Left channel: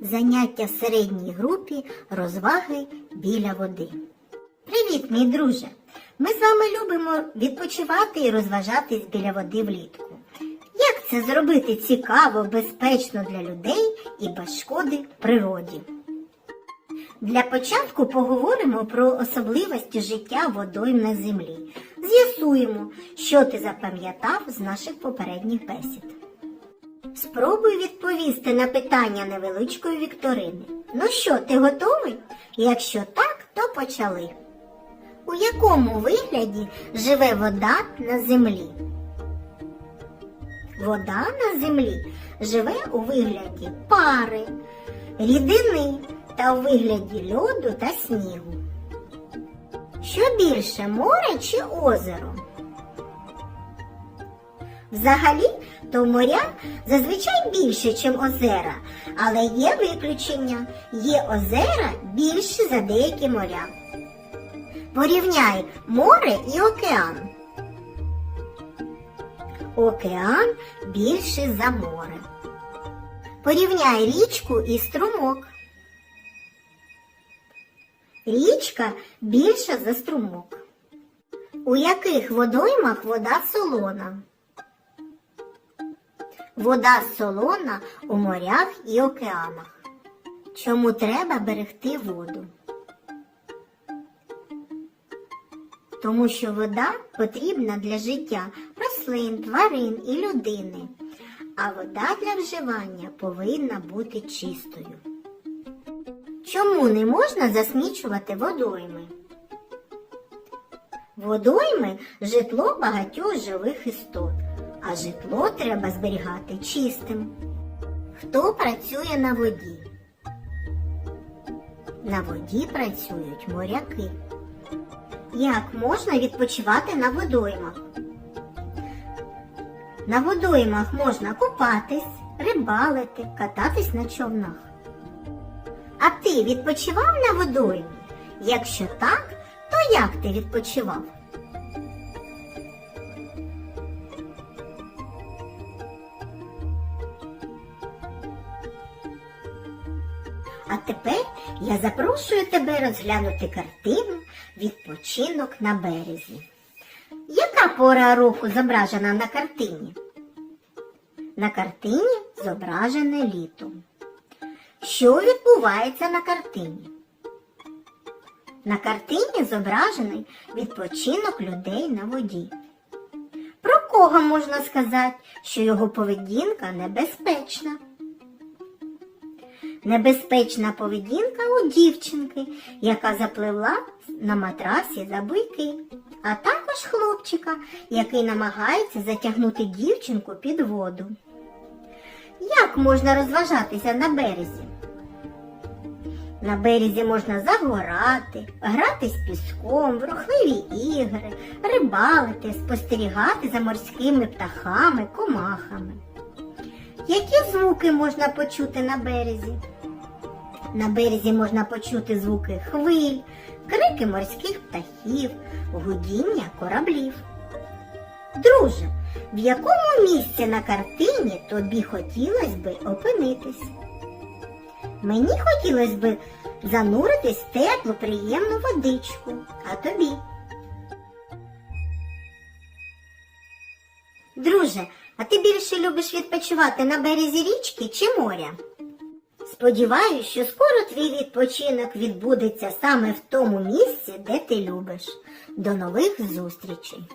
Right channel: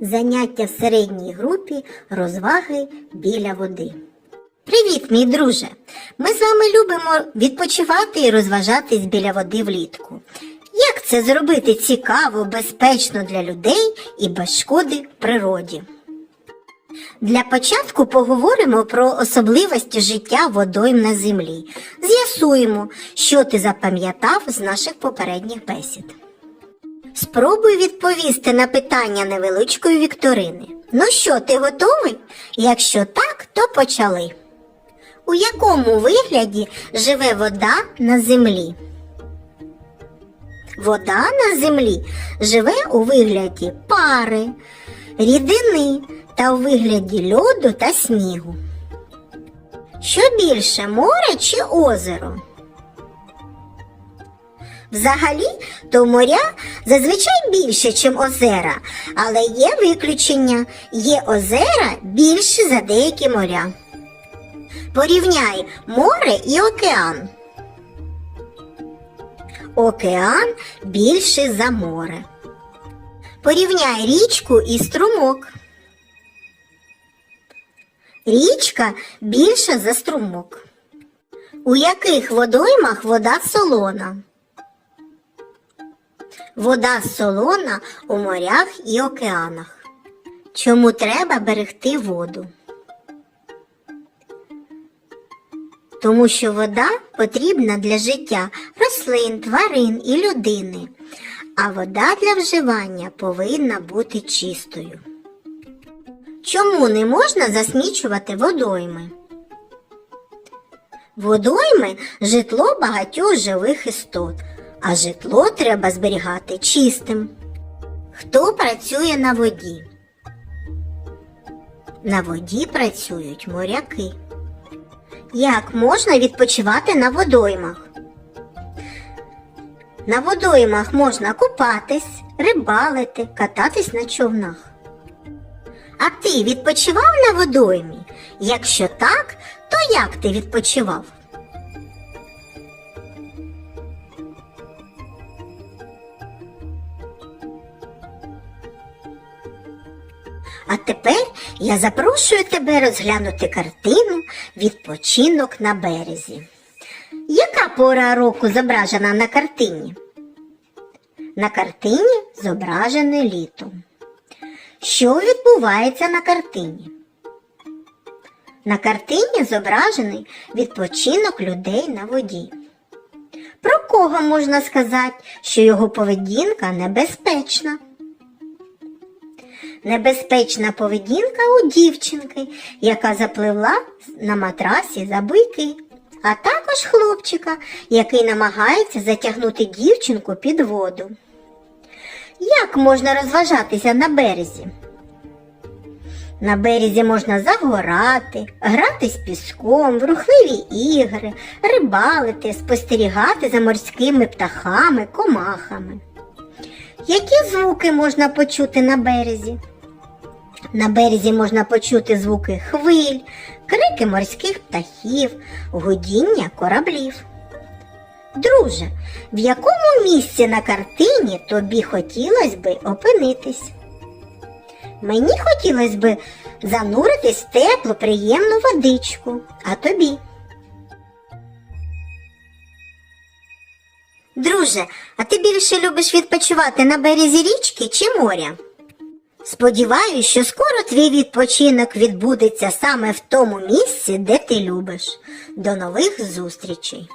Заняття в середній групі розваги біля води. Привіт, мій друже! Ми з вами любимо відпочивати і розважатись біля води влітку. Як це зробити цікаво, безпечно для людей і без шкоди природі? Для початку поговоримо про особливості життя водойм на землі. З'ясуємо, що ти запам'ятав з наших попередніх бесід. Спробуй відповісти на питання невеличкої вікторини. Ну що, ти готовий? Якщо так, то почали. У якому вигляді живе вода на землі? Вода на землі живе у вигляді пари, рідини та у вигляді льоду та снігу. Що більше море чи озеро? Взагалі, то моря зазвичай більше, ніж озера, але є виключення. Є озера більше за деякі моря. Порівняй море і океан. Океан більше за море. Порівняй річку і струмок. Річка більша за струмок. У яких водоймах вода солона? Вода солона у морях і океанах. Чому треба берегти воду? Тому що вода потрібна для життя рослин, тварин і людини, а вода для вживання повинна бути чистою. Чому не можна засмічувати водойми? Водойми житло багатьох живих істот, а житло треба зберігати чистим. Хто працює на воді? На воді працюють моряки. Як можна відпочивати на водоймах? На водоймах можна купатись, рибалити, кататись на човнах. А ти відпочивав на водоймі? Якщо так, то як ти відпочивав? А тепер я запрошую тебе розглянути картину Відпочинок на березі. Яка пора року зображена на картині? На картині зображене літо. Що відбувається на картині? На картині зображений відпочинок людей на воді. Про кого можна сказати, що його поведінка небезпечна? Небезпечна поведінка у дівчинки, яка запливла на матрасі за буйки, а також хлопчика, який намагається затягнути дівчинку під воду. Як можна розважатися на березі? На березі можна загорати, грати з піском, в рухливі ігри, рибалити, спостерігати за морськими птахами, комахами. Які звуки можна почути на березі? На березі можна почути звуки хвиль, крики морських птахів, гудіння кораблів. Друже, в якому місці на картині тобі хотілося би опинитись? Мені хотілося би зануритись в теплу, приємну водичку, а тобі. Друже, а ти більше любиш відпочивати на березі річки чи моря? Сподіваюсь, що скоро твій відпочинок відбудеться саме в тому місці, де ти любиш. До нових зустрічей!